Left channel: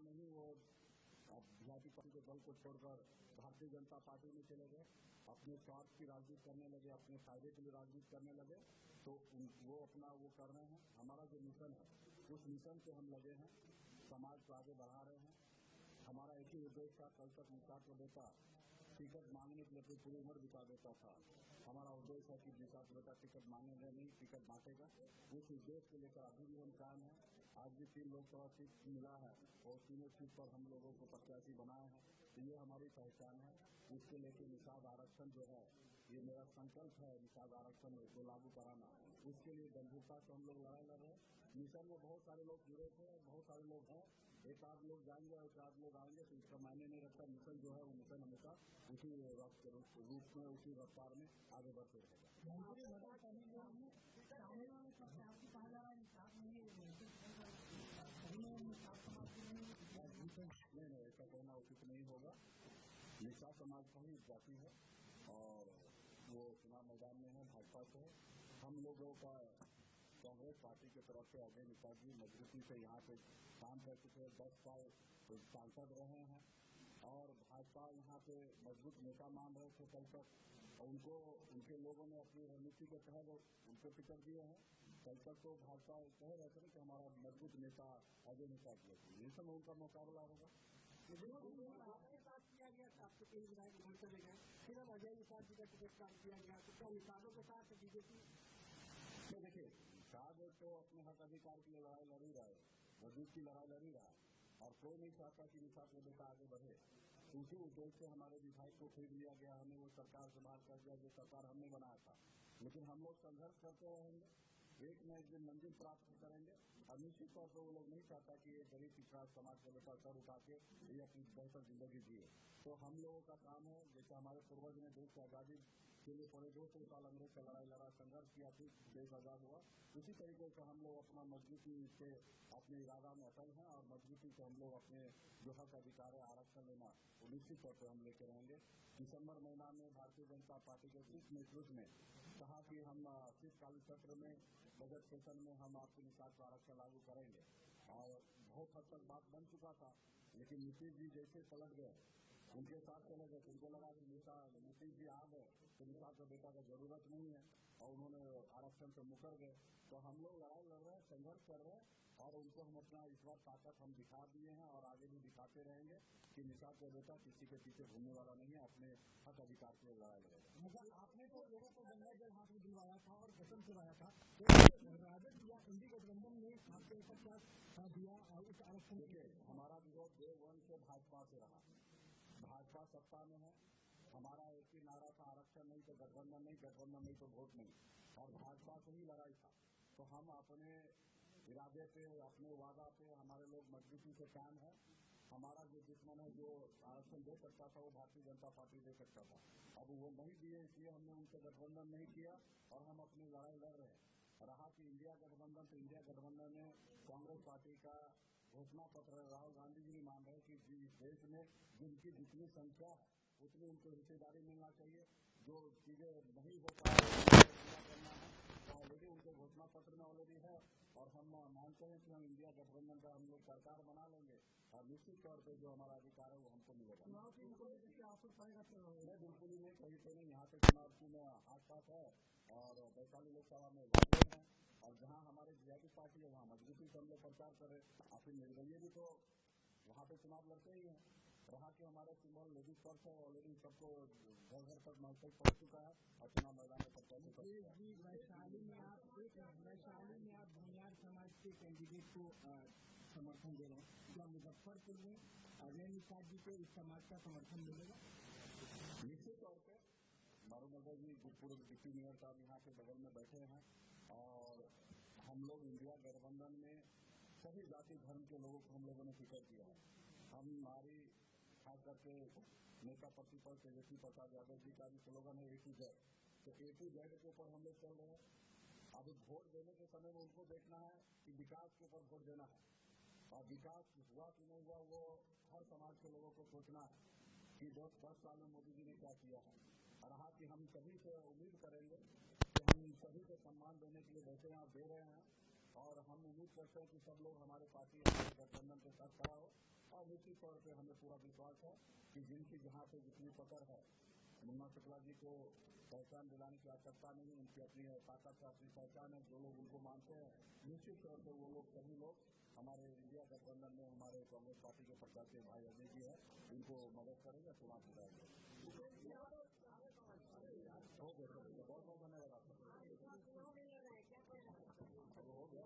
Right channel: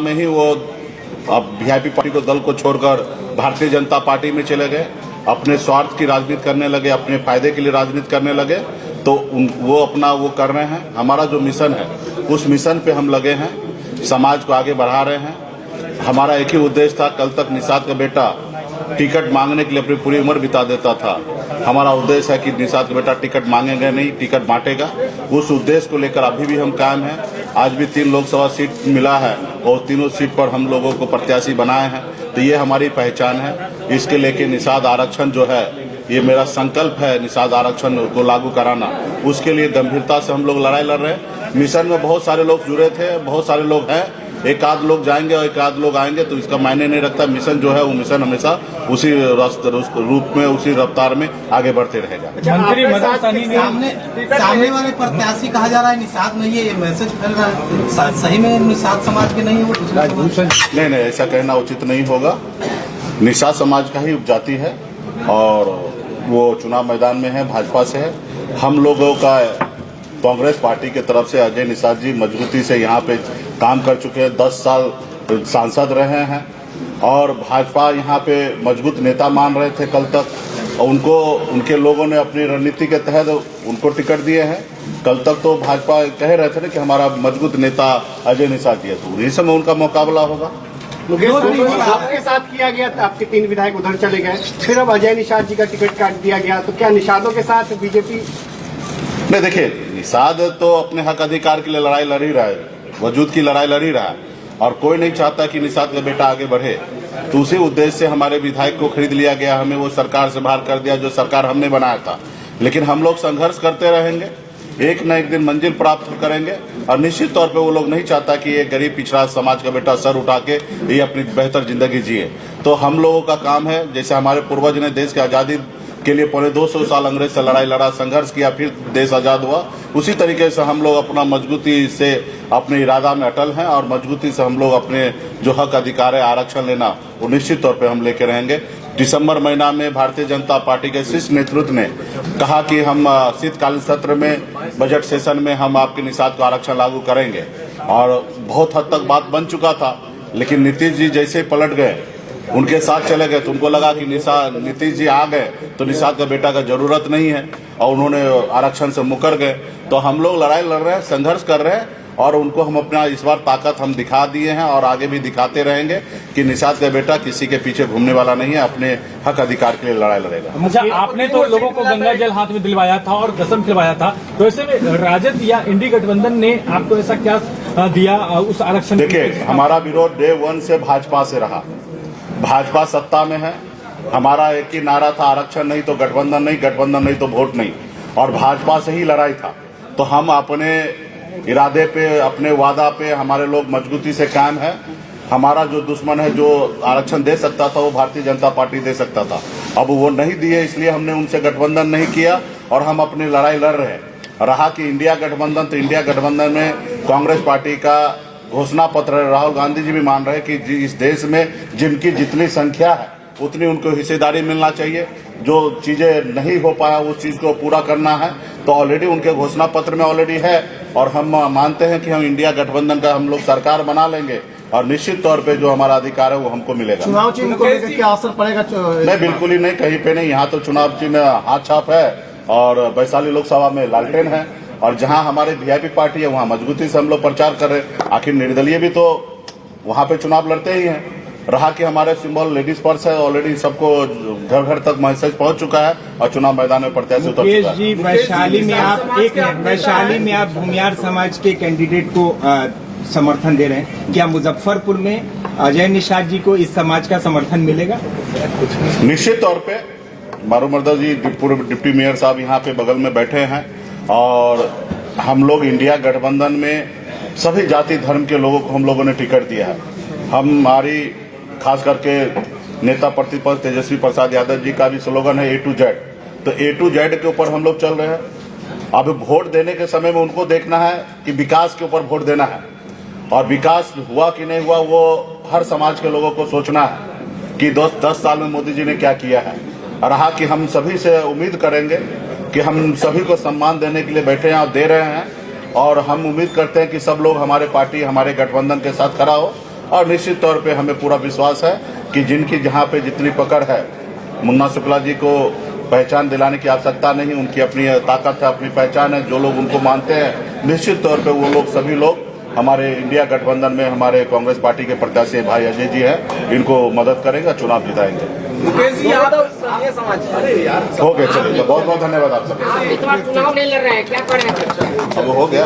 में ही वो अब वीआईपी पार्टी को दल को छोड़कर भारतीय जनता पार्टी में चले गए, अपने स्वार्थ की राजनीति करने लगे, अपने फायदे के लिए राजनीति करने लगे। तो वो अपना वो कर रहे हैं। हमारा जो मिशन है उस मिशन पे हम लगे हैं, समाज को आगे बढ़ा रहे हैं। हमारा एक ही उद्देश्य था, कल तक निषाद का बेटा टिकट मांगने के लिए अपनी पूरी उम्र बिता देता था। हमारा उद्देश्य है कि निषाद का बेटा टिकट मांगेगा नहीं, टिकट बांटेगा। उस उद्देश्य को लेकर अभी भी हम कायम हैं। आज भी 3 लोकसभा सीट मिला है और तीनों सीट पर हम लोगों को प्रत्याशी बनाए हैं। तो ये हमारी पहचान है। इसके लेके निषाद आरक्षण जो है, ये मेरा संकल्प है, निषाद आरक्षण को लागू कराना। उसके लिए गंभीरता से हम लोग लड़ाई लड़ रहे हैं। मिशन में बहुत सारे लोग जुड़े थे, बहुत सारे लोग हैं। एक आध लोग जाएंगे और एक आध लोग आएंगे तो इसका मायने नहीं रखता। मिशन जो है वो मिशन हमेशा उसी रूप में, उसी रफ्तार में आगे बढ़ते रहेगा। मंत्री मदन सहनी ने सामने वाले प्रत्याशी कहा जा रहा है निषाद नहीं है, ये मैसेज फैल रहा है, सही में निषाद समाज के नहीं है वो? नहीं, ऐसा कहना उचित नहीं होगा। निषाद समाज का ही उपजाति है और वो चुनाव मैदान में है, भाजपा से है। हम लोगों का कांग्रेस पार्टी की तरफ से अजय निषाद जी मजबूती से यहाँ पे काम कर चुके हैं, 10 साल सांसद रहे हैं और भाजपा यहाँ पे मजबूत नेता मान रहे थे कल तक। उनको उनके लोगों ने अपनी रणनीति के तहत उनको टिकट दिए हैं। कल तक तो भाजपा कह रहे थे ना कि हमारा मजबूत नेता अजय निषाद जी है, तो इस समय उनका मुकाबला होगा। आपके साथ किया गया था, आपके 3 विधायक उधर चले गए, फिर अब अजय निषाद जी का टिकट काट दिया गया, तो क्या निषादों के साथ बीजेपी? नहीं, देखिए, निषाद तो अपने हक अधिकार के लिए लड़ाई लड़ ही रहा है, वजूद की लड़ाई लड़ ही रहा है और कोई नहीं चाहता कि निषाद का बेटा आगे बढ़े। तो उसी उद्देश्य से हमारे विधायक को खरीद लिया गया, हमें वो सरकार से बाहर कर दिया जो सरकार हमने बनाया था। लेकिन हम लोग संघर्ष करते रहेंगे, एक न एक दिन मंजिल प्राप्त करेंगे और निश्चित तौर पे वो लोग नहीं चाहता कि एक गरीब पिछड़ा समाज का बेटा सर उठा के ये अपनी बेहतर जिंदगी जिए। तो हम लोगों का काम है, जैसे हमारे पूर्वज ने देश की आज़ादी के लिए 250 साल अंग्रेज से लड़ाई लड़ा, संघर्ष किया, फिर देश आज़ाद हुआ, उसी तरीके से हम लोग अपना मजबूती से अपने इरादा में अटल हैं और मजबूती से हम लोग अपने जो हक अधिकार है आरक्षण लेना, वो निश्चित तौर पे हम लेके रहेंगे। दिसंबर महीना में भारतीय जनता पार्टी के शीर्ष नेतृत्व ने कहा कि हम शीतकालीन सत्र में, बजट सेशन में हम आपके निषाद को आरक्षण लागू करेंगे और बहुत हद तक बात बन चुका था। लेकिन नीतीश जी जैसे पलट गए, उनके साथ चले गए, तो उनको लगा कि नीतीश जी आ गए तो निषाद का बेटा का जरूरत नहीं है और उन्होंने आरक्षण से मुकर गए। तो हम लोग लड़ाई लड़ रहे हैं, संघर्ष कर रहे हैं और उनको हम अपना इस बार ताकत हम दिखा दिए हैं और आगे भी दिखाते रहेंगे कि निषाद का बेटा किसी के पीछे घूमने वाला नहीं है, अपने हक अधिकार के लिए लड़ाई लड़ेगा। अच्छा, आपने तो लोगों को गंगा जल हाथ में दिलवाया था और कसम खिलवाया था, तो ऐसे में राजद या इंडी गठबंधन ने आपको ऐसा क्या दिया उस आरक्षण? देखिए, हमारा विरोध डे 1 से भाजपा से रहा। भाजपा सत्ता में है, हमारा एक ही नारा था, आरक्षण नहीं तो गठबंधन नहीं, गठबंधन नहीं तो वोट नहीं, और भाजपा से ही लड़ाई था। तो हम अपने इरादे पे, अपने वादा पे हमारे लोग मजबूती से कायम है। हमारा जो दुश्मन है, जो आरक्षण दे सकता था वो भारतीय जनता पार्टी दे सकता था, अब वो नहीं दिए, इसलिए हमने उनसे गठबंधन नहीं किया और हम अपनी लड़ाई लड़ रहे हैं। रहा कि इंडिया गठबंधन, तो इंडिया गठबंधन में कांग्रेस पार्टी का घोषणा पत्र, राहुल गांधी जी भी मान रहे हैं कि इस देश में जिनकी जितनी संख्या है उतनी उनको हिस्सेदारी मिलना चाहिए। जो चीजें नहीं हो पाया उस चीज को पूरा करना है, तो ऑलरेडी उनके घोषणा पत्र में ऑलरेडी है और हम मानते हैं कि हम इंडिया गठबंधन का हम लोग सरकार बना लेंगे और निश्चित तौर पे जो हमारा अधिकार है वो हमको मिलेगा। चुनाव चिन्ह को लेकर क्या असर पड़ेगा? नहीं, बिल्कुल ही नहीं, कहीं पे नहीं। यहाँ तो चुनाव चिन्ह हाथ छाप है और वैशाली लोकसभा में लालटेन है और जहां हमारे वीआईपी पार्टी है वहां मजबूती से हम लोग प्रचार कर रहे हैं। आखिर निर्दलीय भी तो वहां पे चुनाव लड़ते ही हैं। रहा कि हमारे सिंबल लेडीज पर्स है, ऑलरेडी सबको घर घर तक मैसेज पहुंच चुका है और चुनाव मैदान में प्रत्याशी उतर चुका है। जी, वैशाली में आप भूमियार समाज के कैंडिडेट को समर्थन दे रहे हैं, क्या मुजफ्फरपुर में अजय निषाद जी को इस समाज का समर्थन मिलेगा? निश्चित तौर पे मारूमर्दा जी डिप्टी मेयर साहब यहाँ पे बगल में बैठे हैं और हम लोग इंडिया गठबंधन में सभी जाति धर्म के लोगों को हम लोगों ने टिकट दिया है। हमारी खास करके नेता प्रतिपक्ष तेजस्वी प्रसाद यादव जी का भी स्लोगन है A to Z, तो A to Z के ऊपर हम लोग चल रहे हैं। अब वोट देने के समय में उनको देखना है कि विकास के ऊपर वोट देना है और विकास हुआ कि नहीं हुआ वो हर समाज के लोगों को सोचना है कि 10 साल में मोदी जी ने क्या किया है। रहा कि हम सभी से उम्मीद करेंगे कि हम सभी को सम्मान देने के लिए बैठे हैं और दे रहे हैं और हम उम्मीद करते हैं कि सब लोग हमारे पार्टी, हमारे गठबंधन के साथ खड़ा हो और निश्चित तौर पे हमें पूरा विश्वास है कि जिनकी जहाँ पे जितनी पकड़ है, मुन्ना शुक्ला जी को पहचान दिलाने की आवश्यकता नहीं, उनकी अपनी ताकत है, अपनी पहचान है। जो लोग उनको मानते हैं, निश्चित तौर पे वो लोग सभी लोग हमारे इंडिया गठबंधन में हमारे कांग्रेस पार्टी के प्रत्याशी भाई अजय जी हैं, इनको मदद करेंगे, चुनाव जिताएंगे। हो गया, चलिए, बहुत बहुत धन्यवाद आप सबको। इस बार चुनाव नहीं लड़ रहे हैं, क्या करें? अब हो गया।